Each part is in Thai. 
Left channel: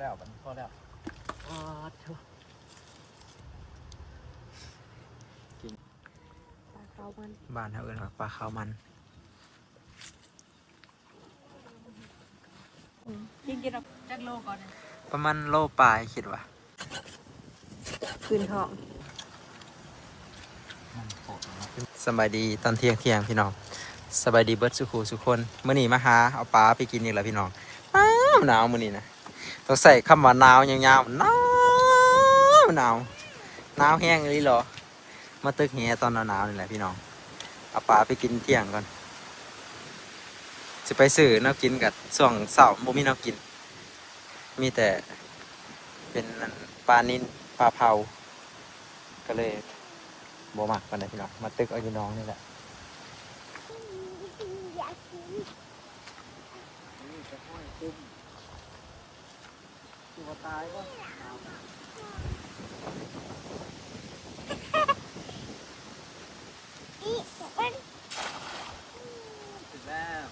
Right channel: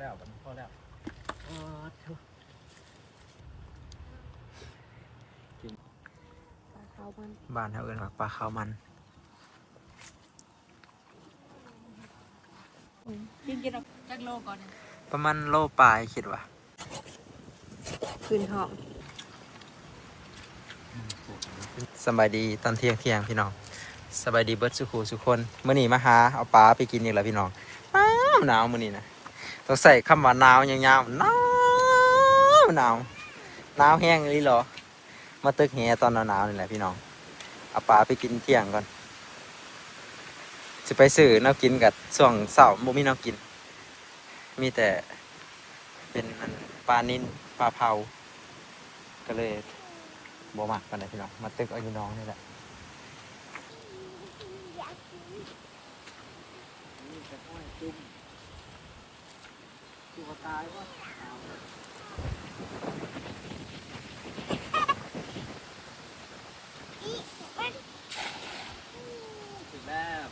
แล้วบัดนี้พอแล้วอ๋อเถอะปลาขาวมันบ้านเขาเอิ้นว่าปลาขาวมันยิงกินออกจากโลก่อนเนี่ยประมาณโลปลายคิดว่าคืนท้องสบายดีตอนเที่ยงเที่ยงพี่น้องสบายดีเบิร์ดสุขูสุคนเมื่อนี้มาหาเอาปลาไปกินอีกแล้วพี่น้องหนาวหนาวมื่อนี้นะ ต้องใส่คำว่าหนาวยาวๆหนาวหนาวหนาวแห้งเลยเหรอ มาตึกแหตอนหนาวๆนี่แหละพี่น้องเอาปลาไปกินเที่ยงก่อนจะไปซื้อนวกินกับส่วงเสาร์บ่มีนวกิน มีแต่เป็นปลานินปลาเผาก็เลยบ่มักกันเลยพี่น้องมาตึกเอาพี่น้องนี่แหละนี่จะห้อยจุ่ม ตัวตายก็ถึงแล้ว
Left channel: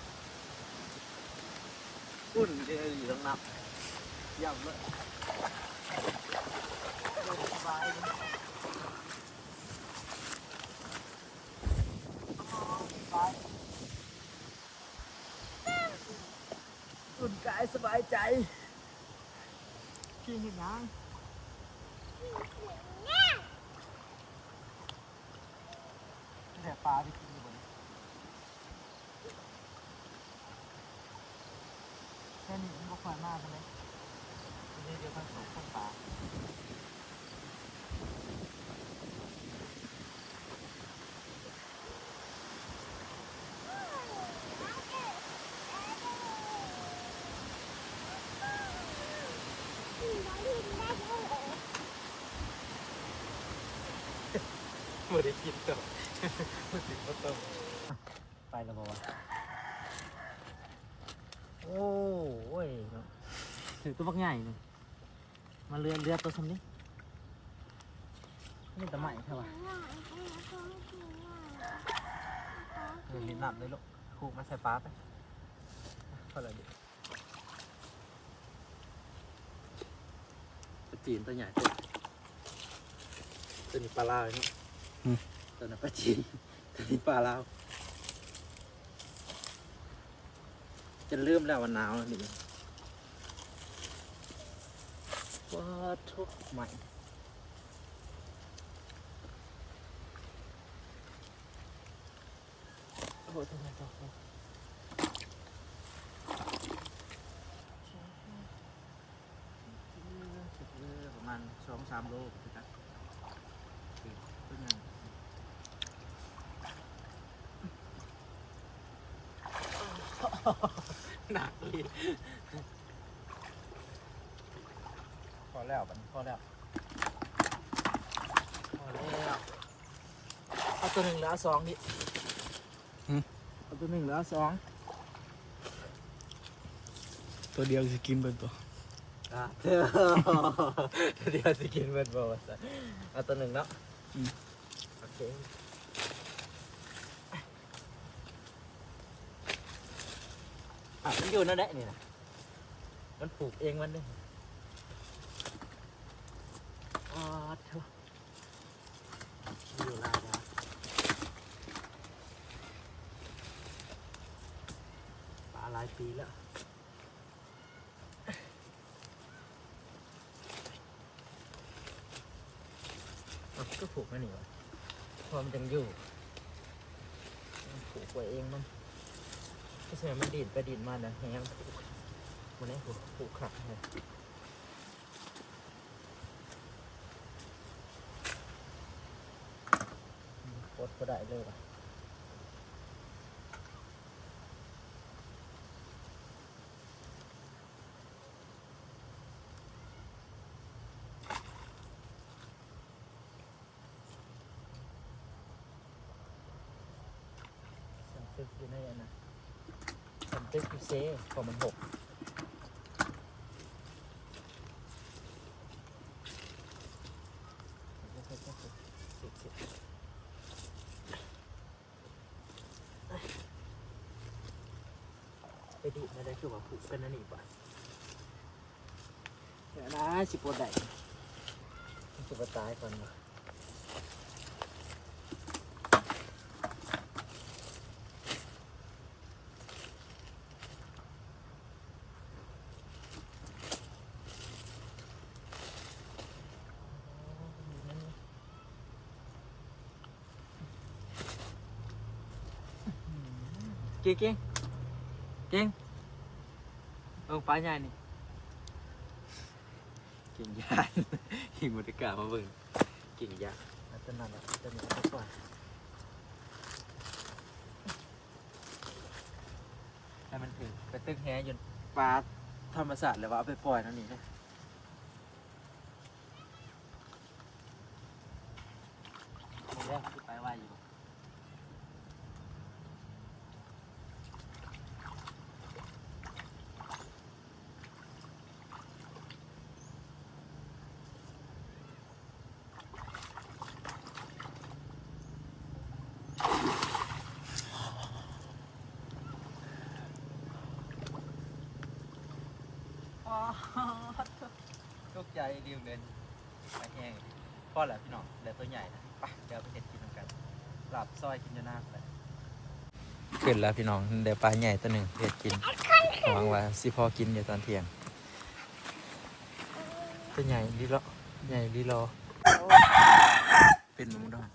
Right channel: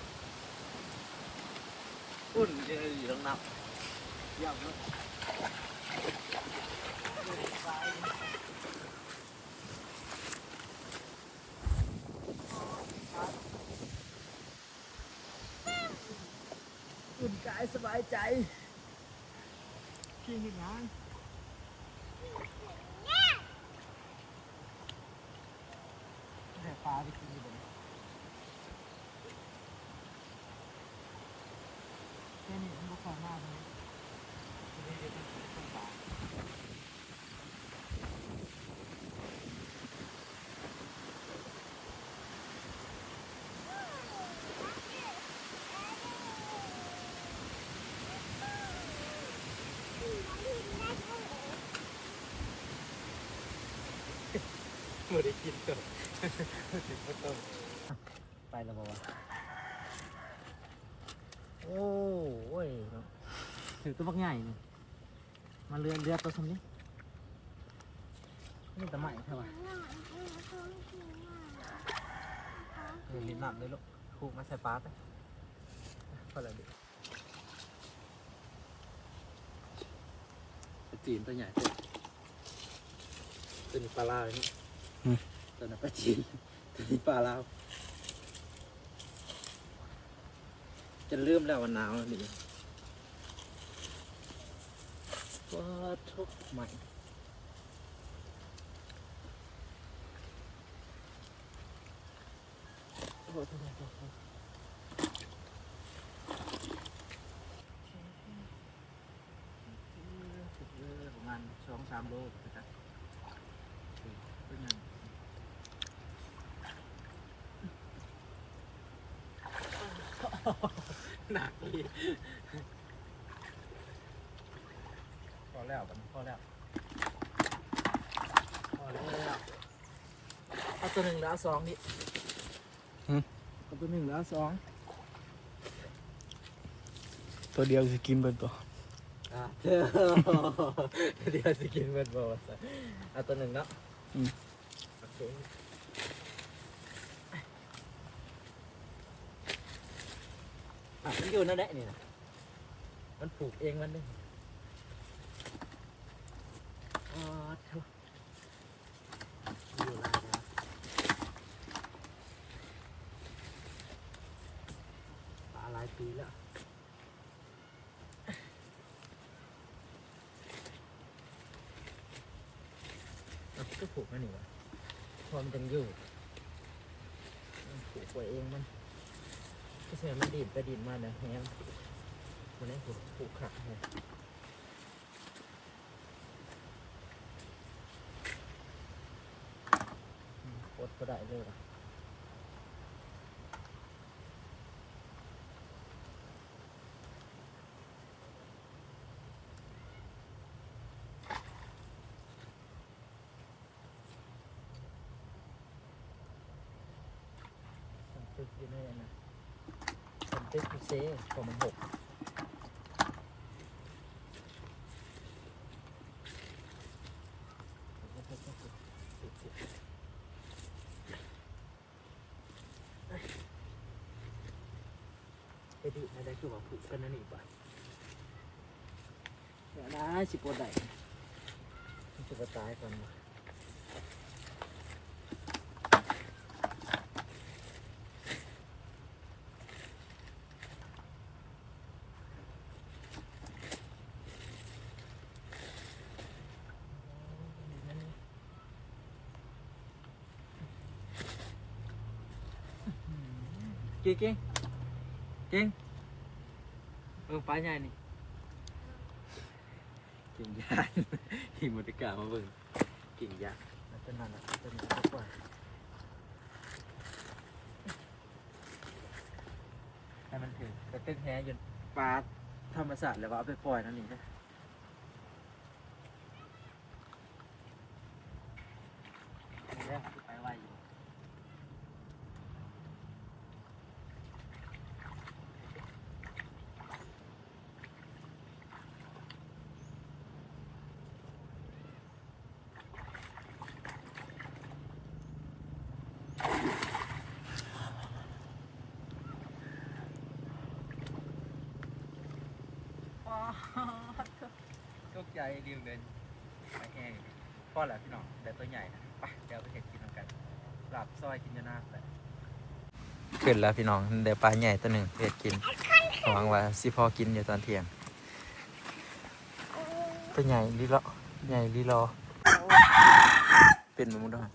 อุ่นจะอยู่ตรงนับย่ำเลยสบายเลยอุ่นกายสบายใจ กินยังยังแต่ปลาที่กินอยู่บนแค่นี้มันก็ควายมากใช่ไหมทีนี้เดี๋ยวมันตกต้นปลา ไม่ได้กินต่อไม่ถึงก็ต้มไปแล้วบอกว่าโอ้โอ้ยเนาะถือตัวบักใหญ่นี่มาเรือเรือตัวสมนี้นี่ตะใหม่ใช่ปะเออลิ้นหนับเลยลูกคูกมาใส่ปลาไปพอแล้วดิปลาจีนตัวใหญ่ตัวตัวนี้ปลาลาวนี่ ตัวนั้นปลาจีนตัวนี้ปลาลาวจะลืมแล้ววันหนาวแล้วนี่ว้าทุกใหม่โอ้โหโทษโทษโทษประมาณสองสามโลนะครับตัวใหญ่ หนักเลยพอแล้วบัดนี้พอแล้วพอแล้วเอาตัวหนึ่งแล้วสองนี่เอาตัวหนึ่งแล้วสองตัวเดียวจะกินเบิดตัวอะเธอเดี๋ยวสิกินเบิดบ่ว่าซะเอาตัวหนึ่งแล้วโอเค อะมันอยู่นั่นแหละนี่นะมันปลูกเองมันเด้อ๋อเถอะอยู่ลายนะปลาหลายปีแล้วก็ผูกนั่นนี่วะพอมันยังอยู่ผูกไว้เองมัน เสียมันดีดไปดีดมาเนี่ยแห้งวันได้ผูผูกขาดเลยปดก็ได้เลยว่ะสันตึกอยู่ในอันนะสัน ตึกเซ่พอมันหกไปดิไม่ได้คือว่าผูกกันนั่นนี่ป่ะเดี๋ยวนะสิปวดได้มันจะมาตายก่อนนะ เก่งเก่งเก่งเออปลาใหญ่นี่กิ่งยาหิมติกามาเบิ่งกิ่งยาแล้วต้นนั้นแหละต้นนี้ก็ปล่อยให้มันถึงกระตึกแฮจนปลาธรรมศาสตร์แล้วว่าเอาไปปล่อยนั่นนี่นะนี่แหละที่ไปไหวอยู่ อ๋อตกใจเดียวเดินไปแห้งพ่อแหละพี่น้องเดี๋ยวตัวใหญ่นะไปเดี๋ยวไปเห็ดกินน้ำกันหลับซอยกินอยู่หน้าแหละขึ้นแล้วพี่น้องเดี๋ยวปลาใหญ่ตัวหนึ่งเห็ดกินหวังว่าสิพอกินอยู่ตอนเที่ยงตัวใหญ่ลีรอใหญ่ลีรอเป็นมุมด้วย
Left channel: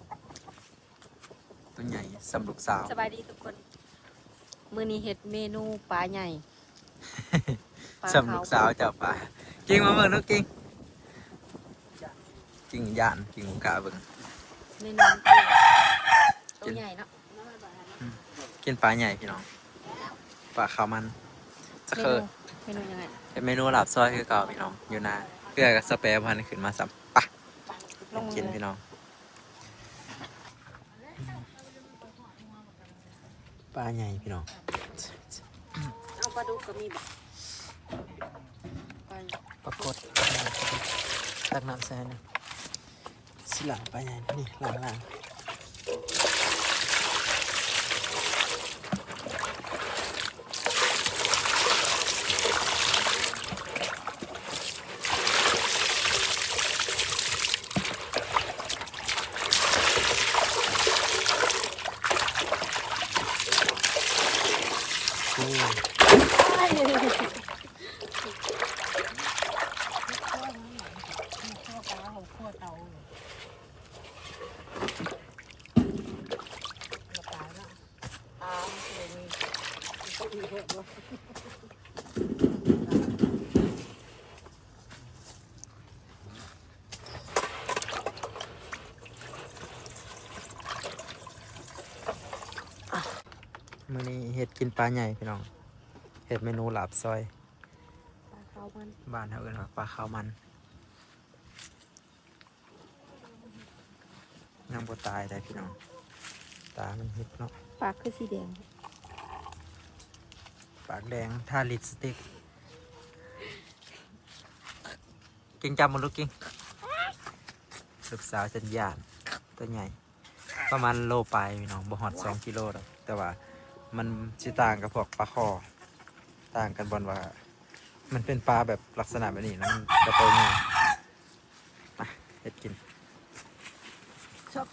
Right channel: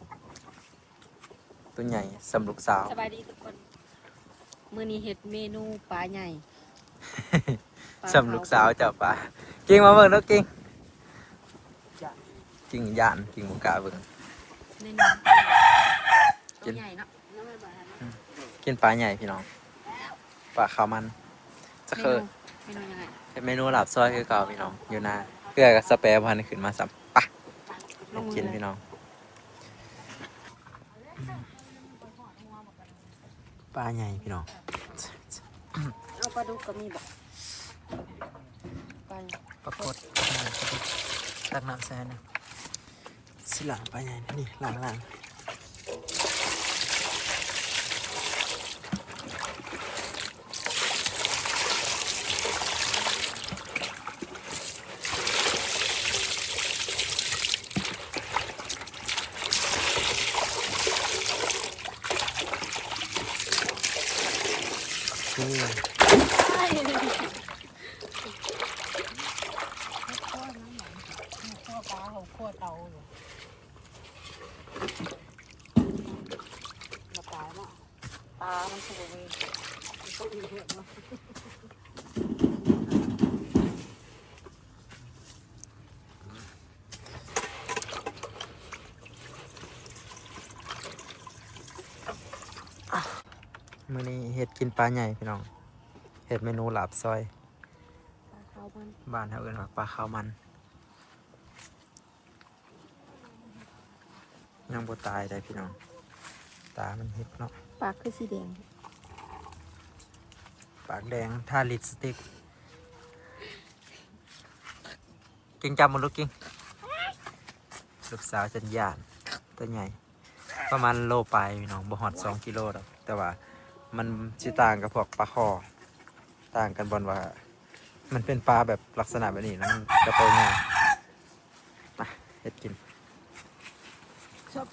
ตัวใหญ่สำลุกสาวสบายดีทุกคน มื้อนี้เฮ็ดเมนูปลาใหญ่ปลาสำลูกสาวเจ้าป่ากิ่งมาเบิ่งแล้วกิ่งกิ่งย่านกิ่งบุกาเบิ่งในน้ำกิตัวนใหญ่เนาะกินปลาใหญ่พี่น้องปลาขาวมันจะเคยเมนูยังไงเป็นเมนูหลับซอยคือเก่าพี่น้องอยู่นาเกลือกับสเปรย์พันขึ้นมาสัมปะมากินพี่น้อง ปลาใหญ่พี่น้องเอาปลาดุกก็มีบ่ปลาปรากฏตักน้ำแซนนะสิหลาปลาใหญ่นะนี่หลังหลังนี่ ปลา เตาเลยปลาเนะปลาไม่ใช่มีต้องมีเห็ดเนามื้อนี้เห็ดกินปลาใหญ่พี่น้อง เห็ดเมนูหลาบซอย ปลาขาวมัน บ้านเขาเอิ้นว่าปลาข้าวมัน ยังบ่ตายได้พี่น้อง ตามันเห็ดเนาะปลาคือสีแดง ปากแดงทาลิปสติกกิงจำมันลูกกิงลูกสาวจันยานตัวใหญ่ ประมาณโลปลายพี่น้องบ่ฮอดสองกิโลดอกแต่ว่ามันสิต่างกับพวกปลาคอต่างกันบอนว่า มันเป็นปลาแบบลักษณะแบบนี้แล้วมันกระโตง่ายมาเฮ็ดกิน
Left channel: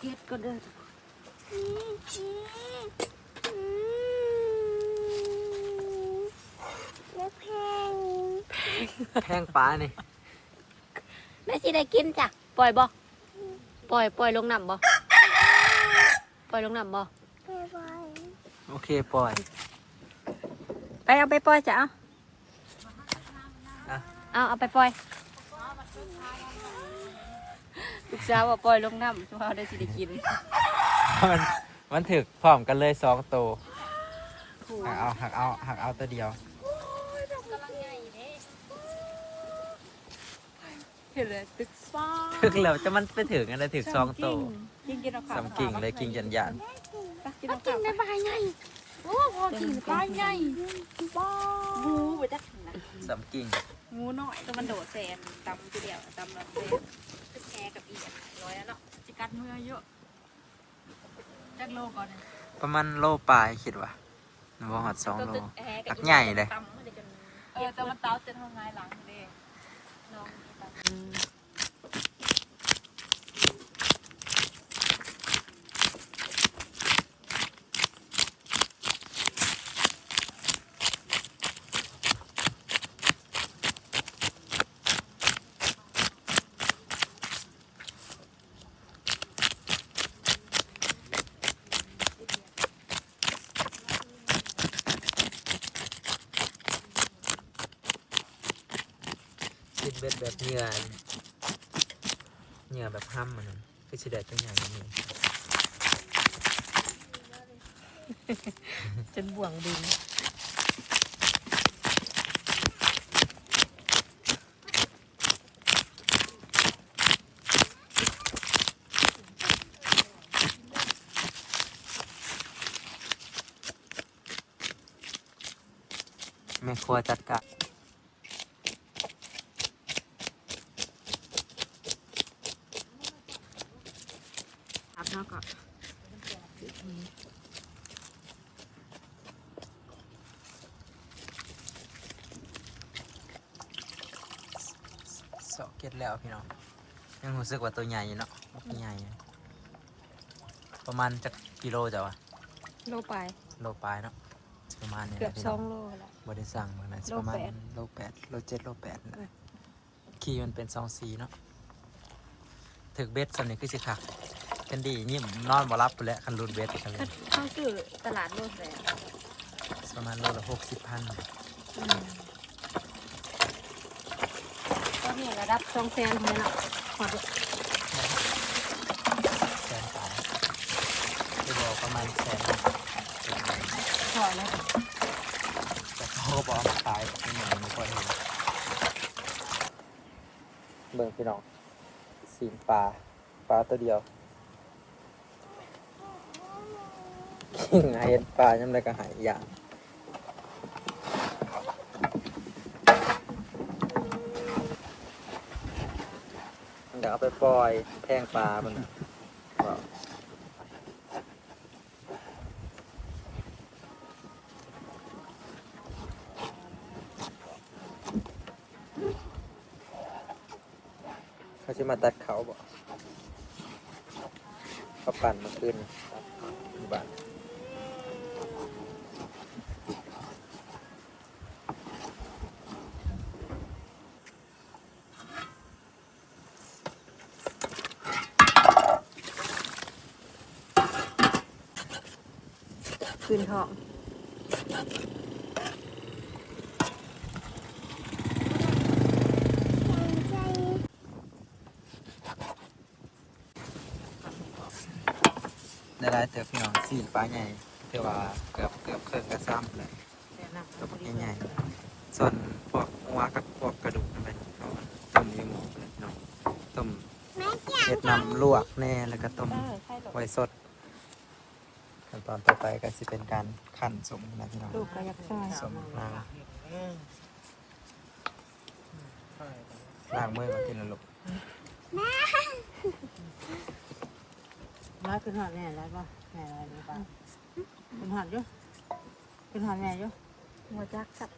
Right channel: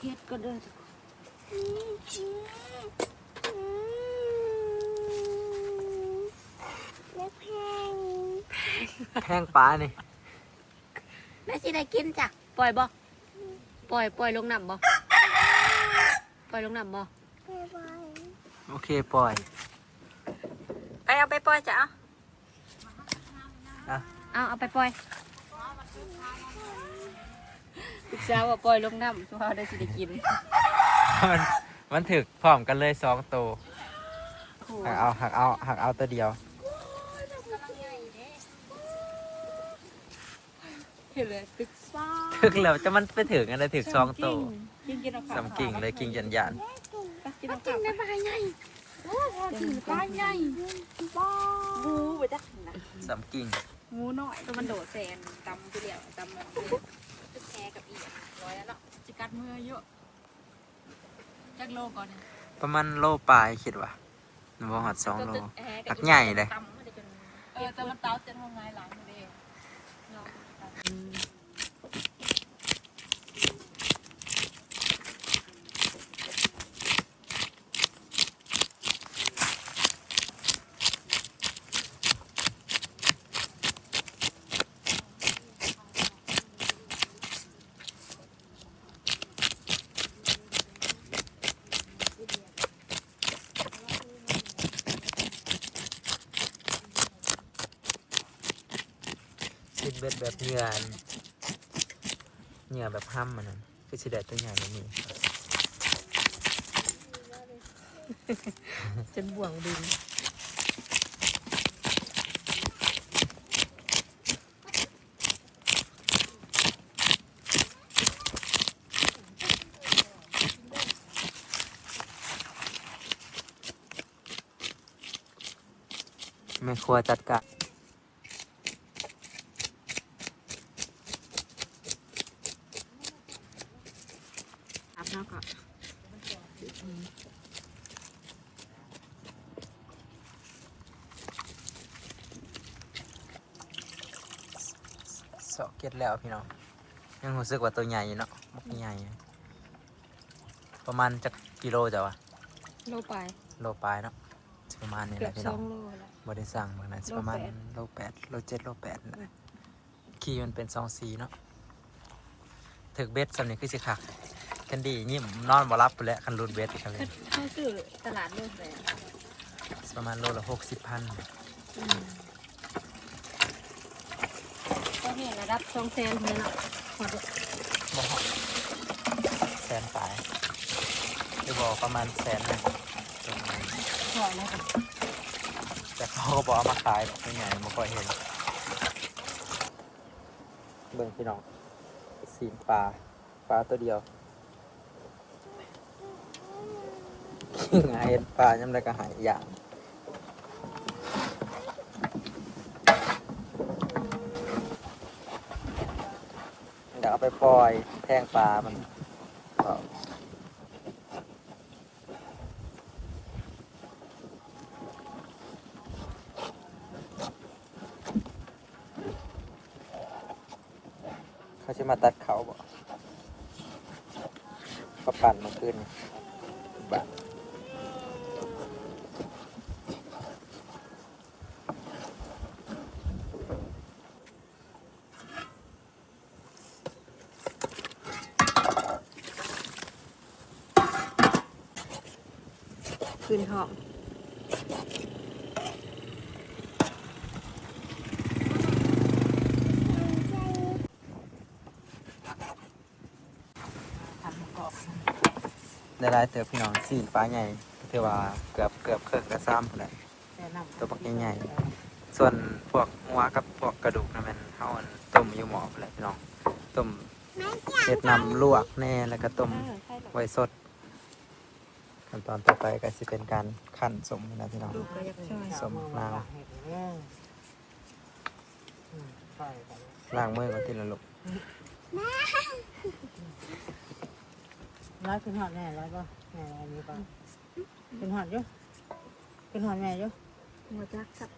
เฮ็ดก็เด้อแพงปลานี่แม่สิได้กินจ้ะปล่อยบ่ปล่อยปล่อยลงน้ำบ่ปล่อยลงน้ำบ่โอเคปล่อย ไปเอาไปปล่อยจ้ะเอาอะเอาเอาไปปล่อย ลูกสาวว่าปล่อยลงน้ำชัวร์ได้สิได้กินมันมันถึกพร้อมกันเลยสองตัวโอ้หักเอาหักเอาหักเอาตัวเดียว เห็นเลยตึกฟ้าถึกแล้วจะมันไปถึงกันเลยถึกสองตัวยิงกินเอาข้าวสองกิ่งเลยกิ่งยันยันไปกินเอาข้าวได้ปลาใหญ่โอ้พอกินปลาใหญ่บ้าบูไปจักนะสามกิ่งงูน้อยตัวมันโดดแซนตำทีเดียวตำมันเลยตึก แคกับอีกร้อยแล้วเนาะจิกัดมือเยอะจักโลก่อนเนี่ยประมาณโลปลายคิดว่าบ่หอดสองโลหักใหญ่เลย เออแต่มันเต้าจะทำไงหลัง เบ็ดแบบเหงื่อเหงื่อแบบห้ำมันนั่นคือสิได้ตัวใหญ่แบบนี้จนบ่วงบินแม่ครัวจัดการ ครับแล้วก็ เสาะเก็ดแล้วพี่น้องยังรู้สึกว่าตัวใหญ่อยู่เนาะมันใหญ่นะประมาณจะกิโลจ้ะวะโลไปโลปลายเนาะประมาณนี้แหเกือละบพี่สน้อองงโลแล้วบได้สั่งเหมือนกันโลประมาณแปด โลแปดโลเจ็ดโลแปดนะคีย์มันเป็นสองสีเนาะถึกเบ็ดสำนี้คือสิคักกันดีนี่นอนบ่รับไปแล้วคันรูดเบ็ดกันเลยเข้าซื้อตลาดโลแสนประมาณโลละหกสิบพันก็ นี่ยระดับสองแสนคนเนาะขอดูแสนตายจะบอกประมาณแสนหนึ่งขอแล้วกันแต่เขาก็บอกเอามาขายเป็นไงไม่ค่อยเห็น เบิ่งพี่น้องสีนปลาปลาตัวเดียวหายเห็นปลายังไงก็หายอย่าง เดี๋ยวเอาไปปล่อยแพงปลามันเขาจะมาตัดเขาบ่เขาปั่นมาขึ้นบ้าน คืนห้องได้ได้เติบพี่น้องสีปลาใหญ่ถือว่าเกือบเกือบเครื่องกระซ้ำเลยตัวปักใหญ่ๆส่วนพวกหัวกับพวกกระดูกนั่นเป็นเขาอันต้มอยู่หม้อไปเลยพี่น้องต้มเห็ดน้ำลวกแน่แล้วก็ต้มเออใช่หรอไว้สด ขั้นตอนต่อไปก็จะเป็นการขั้นสมนะพี่น้องลูกก็อยากใช่สมนาวล้างมือก่อนทีละลูกร้ายขึ้นหอดแม่ร้ายป่ะแม่นี่ป่ะขึ้นหอดอยู่ขึ้นหอดแม่อยู่หัวจักสับ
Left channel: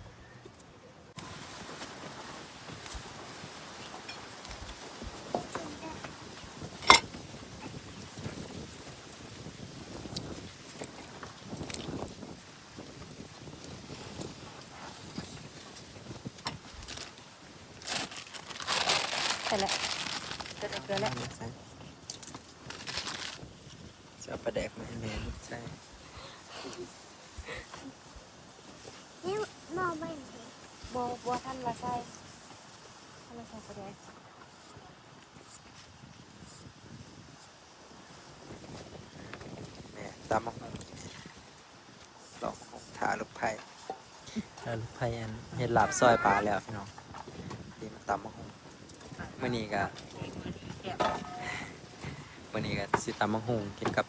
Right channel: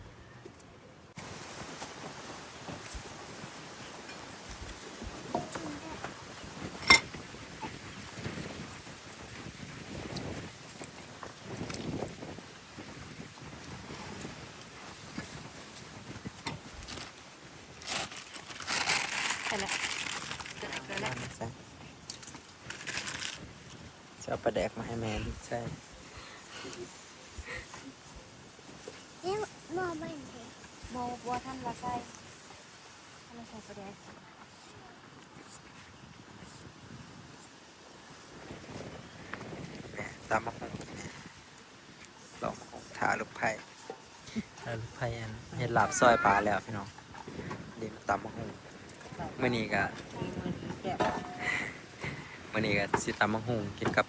ไปแล้วจะได้เกลือ แล้วไม่ใช่จะเอาปลาแดกมาให้แม่ใช่นี่มองไม่เห็นบัวบัวท่านว่าใช่ท่านว่าใส่ประเดี๋ยวแม่ตามมาหงลองมาหงถาลูกไผ่ถาลูกไผ่อันเห็ดหลาบซอยปลาแล้วพี่น้องดีมาตามมาหงเมื่อนี้ก็ วันนี้ก็สิตามังหงกินกับ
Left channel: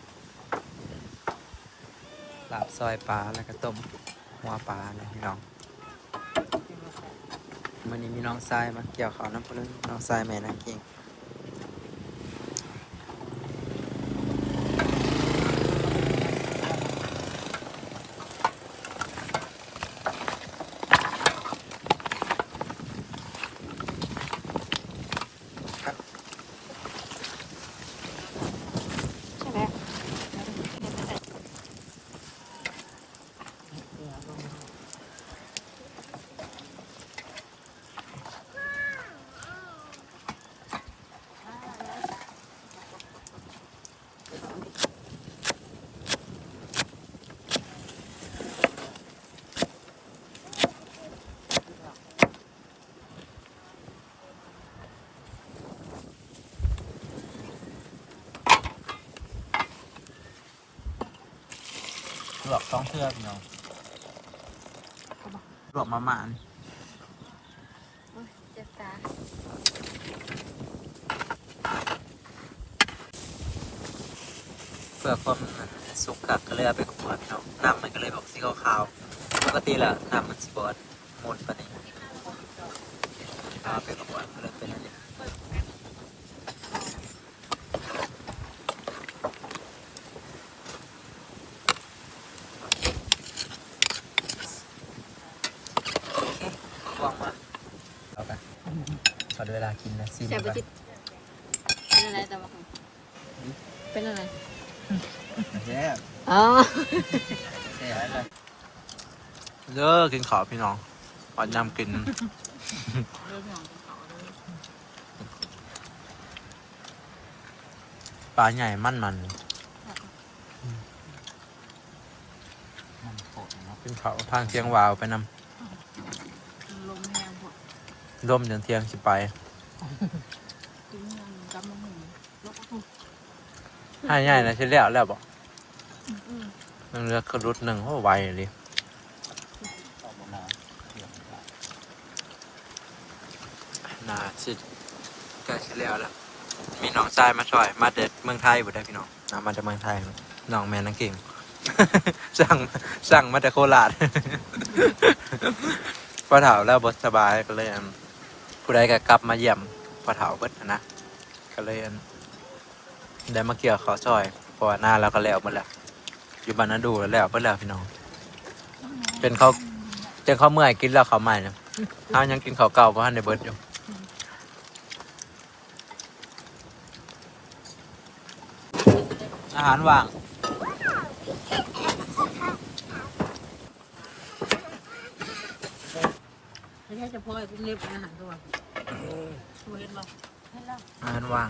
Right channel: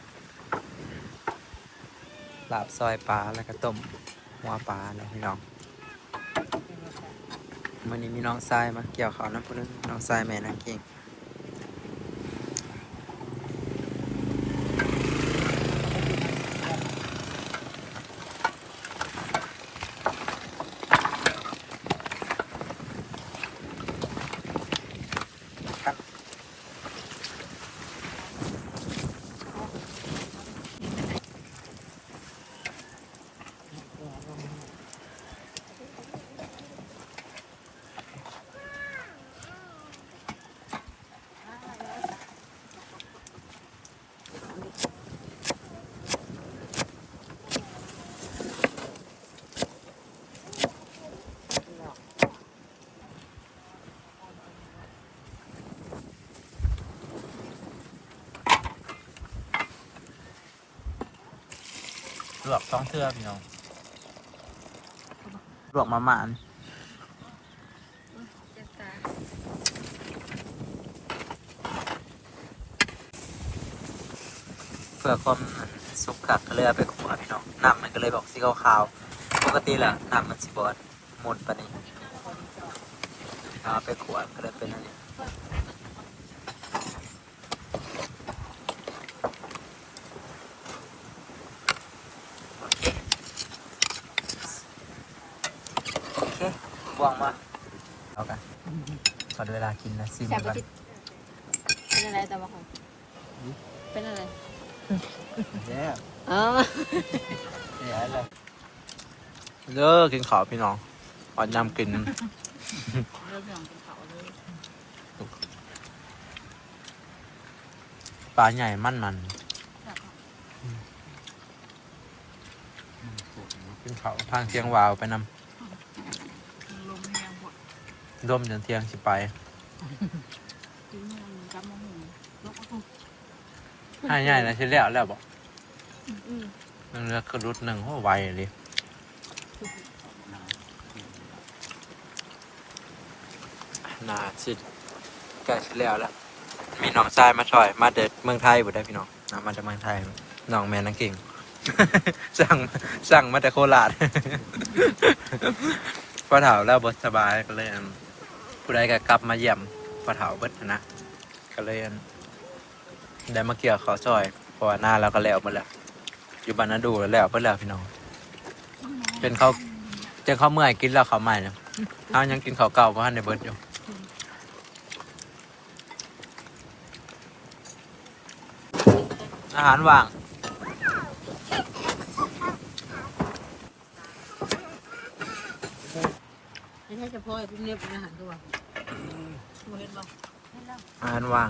ลาบซอยปลาแล้วก็ต้มหัวปลานะพี่น้องวันนี้มีน้องทรายมาเกี่ยวเขาวน้ำพุนึงน้องทรายแม่นางเก่ง ลวกสองเทื่อพี่น้องลวกมาหมานเพื่อความสุกกักก็เลยเอาไปขวพี่น้องน้ำมันก็เลยบอกสีขาวๆปกติแหละน้ำมันสีบอดหมดปะนี่เอาไปขวก็เลยเป็นอันนี้อเคโอ เควางมาเอากันขอเวลากินนะซิมแซ่บกันจิตเป็นอะไรแต่ว่าของเป็นอะไรแย่อ๋อเดี๋ยวเลยเลิกกินข้าวพี่น้องอ่อนยำกินเริ่มหนังเป็นเขาเลยปลาใหญ่มันมันกินข้าวทางเทียงวาวไปนลมแห้งพวกำ ร่มจนเทียงสิไป ถึงเงินจำมะหุ่นลกเอาให้ใหญ่นะที่แล้วแล้วบอกอืมมันเลือกกระรุดหนึ่งโอ้ไวเลย น่าสิใกล้สิแล้วแล้ว มีน้องชายมาช่วย มาเด็ดเมืองไทยบุได้พี่น้องนะมาจากเมืองไทยน้องแม่นังเก่ง สั่งสั่งมาแต่โคราชพอเถาแล้วบสบายก็เลยอัน ผู้ใดก็กลับมาเยี่ยมพอเถาเบิดนะก็เลยได้มาเกี่ยวเขาซอยเพราะว่าหน้าเราก็แล้วหมดแล้วอยู่บ้านนาดูแล้วแล้วเบิดแล้วพี่น้องจนเขาจนเขาเมื่อยกินแล้วเขาใหม่นะเขายังกินเขาเก่าเพราะท่านในเบิดอยู่อาหารว่างไม่ใช่เฉพาะเป็นเล็บอาหารตัวช่วยเห็น อาหารว่าง